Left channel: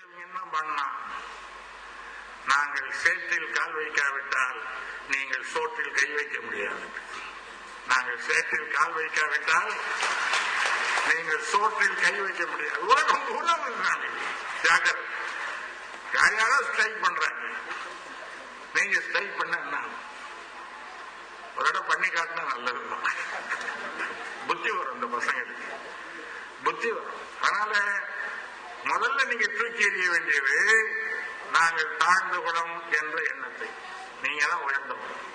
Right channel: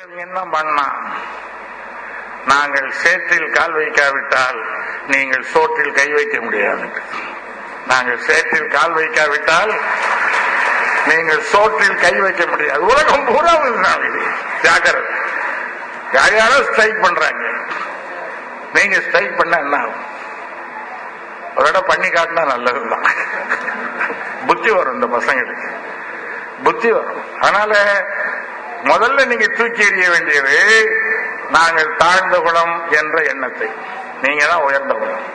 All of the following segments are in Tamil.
என்ன பண்ணா, நாங்கள் சேற்றில் கால் வைக்காவிட்டால் நீங்கள் சோற்றில் கை வைக்க முடியாது. நாங்கள் சேற்றில் கால் வைக்காவிட்டால் நீங்கள் சோற்றில் கை வைக்க முடியாது. உலகம் பூரா இது ஜாக்கிரதை. யாராலும் ஸ்ட்ரைக் பண்றாங்க, நீங்க ஸ்ட்ரைக் பண்ண என்ன ஆகும்? ஒரு இடம் பண்ணி காட்டினா நல்லதுதான். புத்தி வரும், இந்த பசங்களுக்கு புத்தி வரும். அதனால முதல்ல நீங்க தூக்கி எறிய வேண்டியது நாங்கள் தாழ்ந்த குணம் என்ற எண்ணத்தை. நீங்க தான் உயர்ந்த குணம்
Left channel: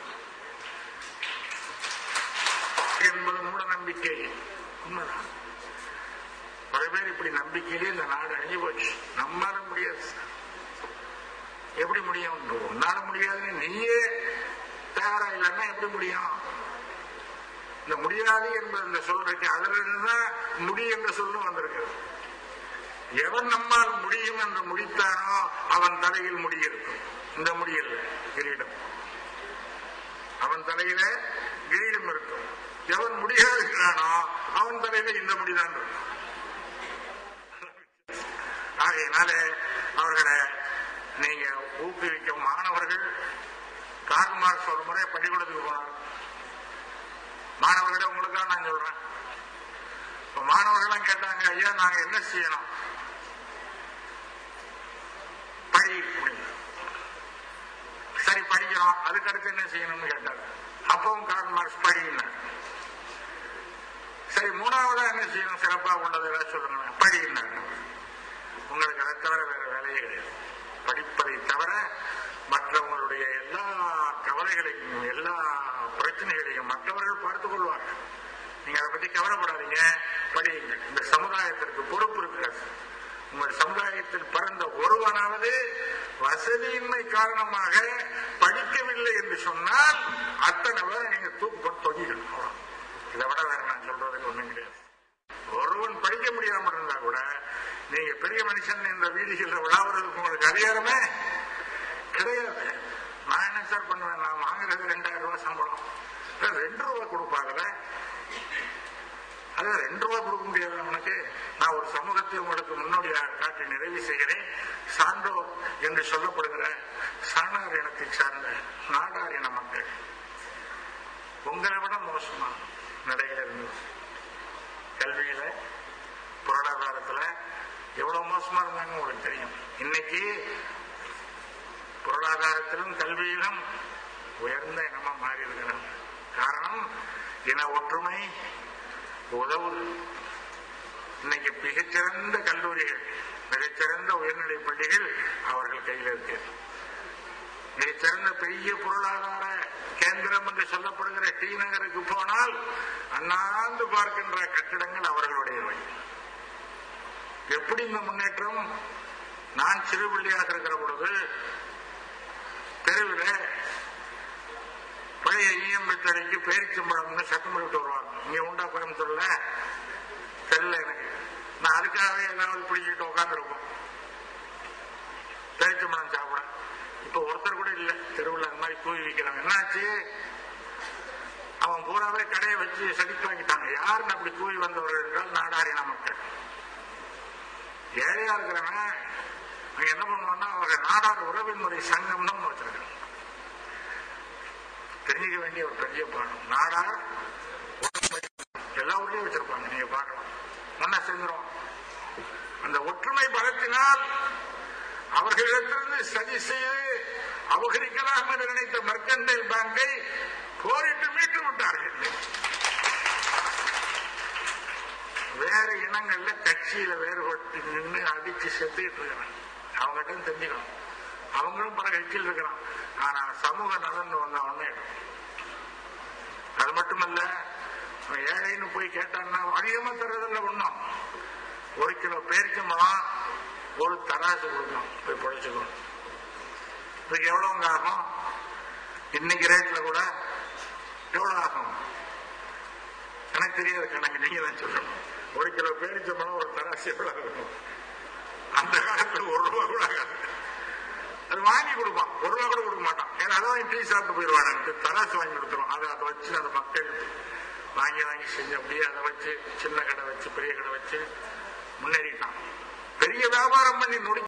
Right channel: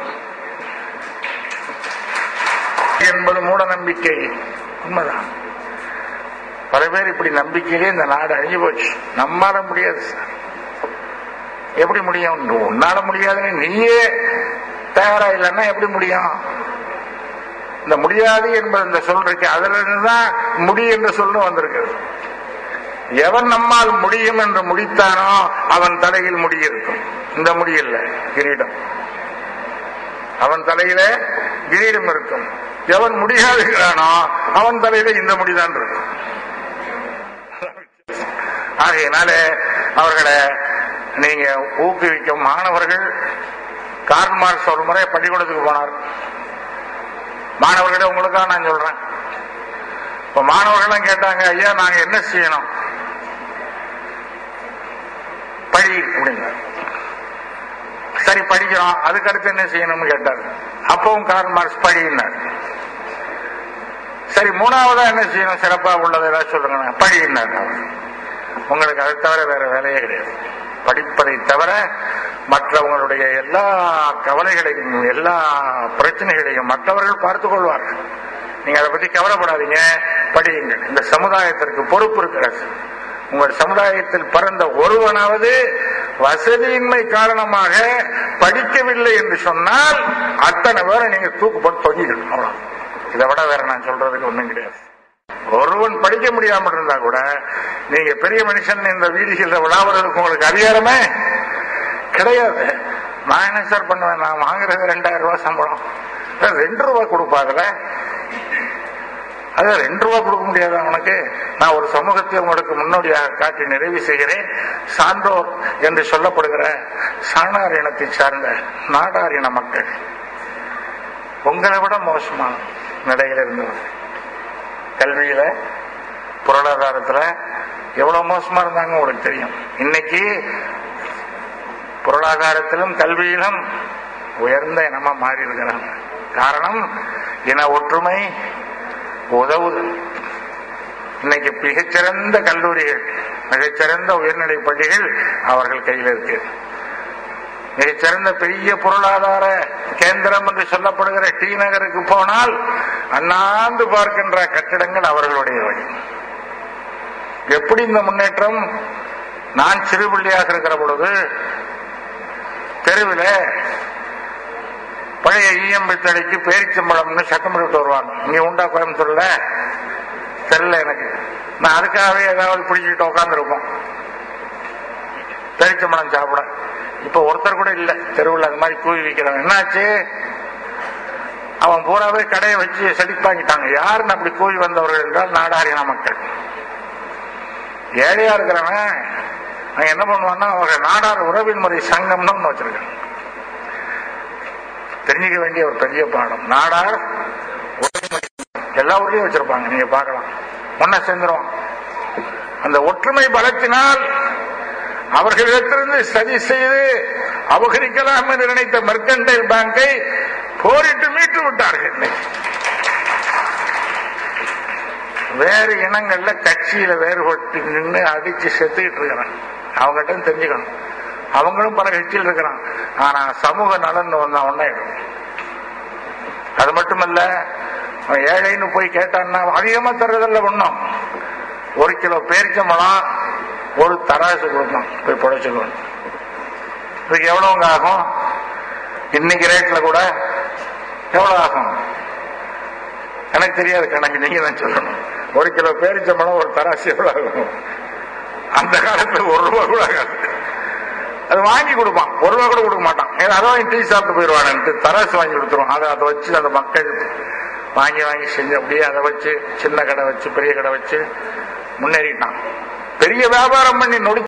என்பது மூட நம்பிக்கை. உண்மைதான். பல பேர் இப்படி நம்பிக்கையிலே இந்த நாடு அழிஞ்சு போச்சு. நம்மால முடியாது சார். எப்படி முடியும்? உன்னால முடியாதுன்னு நீயே தயாரா இல்லைன்னா எப்படி முடியும்? இந்த முடியாது என்பது இந்த சொல் இருக்கு, அதுல இருந்துதான் முடி என்ற சொல்லும் வந்திருக்கிறது. எவன் நம்மால் முடியும் என்று முடித்தானோ அவன் தலையில் முடி இருக்கும். இந்த முடி இல்ல, கிரீடம். அவன் தலையில கிரீடம் இருக்கும். எவன் முடியாதுகிறானோ அவன் தலையில இந்த முடிதான் இருக்கும். ஆகையினால அவர்களை நீங்க ஊக்குவிக்கும். மாணவர்கள் கார்ல் மார்க்ஸ் ஒரு முறை பள்ளிக்கூடத்துக்கு போனார். மாணவர்களே, உங்களுக்காக நான் சொல்றேன். இப்ப மாணவர்கள் கேட்டாங்க, ஐயா நாங்க என்ன செய்யணும்? படி அப்படிங்க. சரி படிக்கிறோம், அதுக்கு அடுத்து என்ன செய்யணும்னு கேட்டார். அப்பவும் கார்ல் மார்க்ஸ் படினார். சரி மூணாவதா என்ன செய்யணும்? சிறப்பா உள்ளதை ஏதாவது சொல்லுங்க. படினார். உங்களுக்கு அதை தவிர வேற வேலையே கிடையாது. படிப்பதை தவிர மற்றவங்களுடைய எல்லா கவலைகளையும் எல்லா பிரச்சனைகளையும் மற்றவர்கள் பார்த்துக் கொள்வார்கள். நீங்க அதை பத்தி கவலைப்படாதீங்க, படியுங்கள். இந்த சமுதாயத்திற்கு பொறுப்பு இருக்கிறது. உங்கள் சமுதாயத்தில் பிறந்த ஒருவனாவது வசதியின்மை காரணமாக படிக்கவில்லை என்று சொன்னால் அத்தனை பேரை நீங்க தூக்கு போட்டு தொங்கிக்கணும். அவ்வளவு. இதை விட வேற நான் சொல்றதுக்கு ஒண்ணும் கிடையாது. ஒருவன் படிக்க முடியாமல் இருந்தா கூட நீங்க பெரிய மனுஷன் இந்த வீதிகளில் விழாவதற்கு உங்களுக்கு அதிகாரமே கிடையாது. நான் என்ன சார் பண்ணுவேன்? நான் வாங்குறது 2000 ரூபாய் சம்பளம். 2 ரூபாய் கொடுப்பாங்கல்ல, அது 2 ரூபாய் கொடுக்க முடியாது அவனுக்கு. நான் ஒரு சமூகத்தை உங்களுக்கு முன்னோடியாக காட்டி நிறைவு செய்கிறேன். சான்றோர் என்று சொல்லப்படுகிற சாணார் இனத்தை சார்ந்த நாடார் இன மக்கள் உங்களை விட மோசமான நிலையில் இருந்தது. கல்வியில பொருளாதாரத்துல எவ்வளவு மோசமா இருந்தாங்க உங்களுக்கு தெரியும். இன்னைக்கு பொருளாதாரத்திலும் கல்வியிலும் உயர்ந்த இனமா மாறி இருக்கிறாங்க. காரணம் இன ஒற்றுமை உதவுது. இன்னைக்கு மிகச்சிறந்த கல்லூரிகள், மிகச்சிறந்த உயர்நிலை பள்ளிகள் அவர்கள் கையில் இருக்கு. மிகச்சிறந்த பெரிய பொருளாதார கேந்திரம் என்று சொல்லப்படுகிற டி நகருக்கு போனால் அண்ணாந்து பார்க்கின்ற கட்டிடங்கள் அவர்களுடையவை. எப்படி இந்த முன்னேற்றம்? நான் சிறுபிள்ளையாக இருக்கிற பொழுது தெருவில் பழைய ஈயம்பித்தடைக்கு பேரிச்சம்பழம்னு சட்டம் விட்டு வருவாங்க. இங்க உண்டா கோயம்புத்தூர்ல? தெரியல எனக்கு. நான் அதுக்காகவே ஏதாவது பிடிச்சிட்டு உட்காந்துருப்போம் பேரிச்சம்பழம் சாப்பிட. இப்ப ஒருத்தர் கூட இல்ல தெருவில் அது மாதிரி கூவி வைக்கிறாங்க. என்னாச்சு? அவன் பூராவே கடையை வச்சு செழிப்பாக்கிட்டாங்க. யாருன்னு அப்படி கூவி வந்தவர்கள் என்றால் நாடாரின மக்கள். ஏழையா இருக்கிறவன் அவன் என்ன பண்ணுவான்னா, அவர்கள் நாடார் உறவின் முறை சங்கம்னு ஒண்ணு வச்சிருக்காங்க. தெரிஞ்சுக்க வேண்டிய ஒரு பெரிய பாடம். நாடார் எல்லா ஊர்லயும் வச்சிருப்பாங்க, நீங்க பார்க்கலாம். முன்ன சேர்ந்துரும். அந்த ஒற்றுமை பலத்தினால் அவர்களிடத்திலிருந்து சதி செய்து அபகரிக்கலாம் என்று நினைத்த மெர்கன்டைல் பேங்கை போரிட்டு மீட்டு விட்டார்கள். வேறு இனங்கள்ல கட்சியில வேறுபட்டு நின்று அடிச்சு செத்துக்கிட்டு இருக்கிறான். அவங்ககிட்ட தெரிஞ்சுக்கணும். அவங்களும் பல கட்சியில் இருக்கிறான். ஆனா சமூக நலன் வந்தா ஒன்னாயிடும். அது மட்டுமல்ல, ஏழைன்னு போய் கேட்டான்னா அதிகமா தர்றதில்ல. ஒண்ணும் 1 கிலோ பேரிச்சம்பழம் 1 தராசு கொடுக்கணும், போய் புடைச்சுக்கணும். இதுக்கு எவ்வளவுங்க ஆகும்? இன்னைக்கு ரேட்ல கூட எவ்வளவு ஆகும் எனக்கு தெரியாது கணக்கு, நீங்க தான் சொல்லணும். 1 கிலோ பேரிச்சம்பழம் 1 தராசு எவ்வளவு ஆகும்? அந்த காலத்துல 1 ரூபாய் கூட ஆகாது. அது வாங்கி கொடுப்பான், 1 ரூபாய் கூட கொடுக்க மாட்டான். அதான் டீ சாப்பிட்டு போயிடுவான்னு தராசு வாங்கி கொடுத்துருவான். அதை வச்சு அந்த மக்கள் வாங்கி வாங்கி செஞ்சு அப்படியே அதை வச்சு சின்ன கடை வச்சு பெரிய கடை வச்சு முன்னேறிட்டான். பெரிய வியாபாரம் பண்ணி நொடி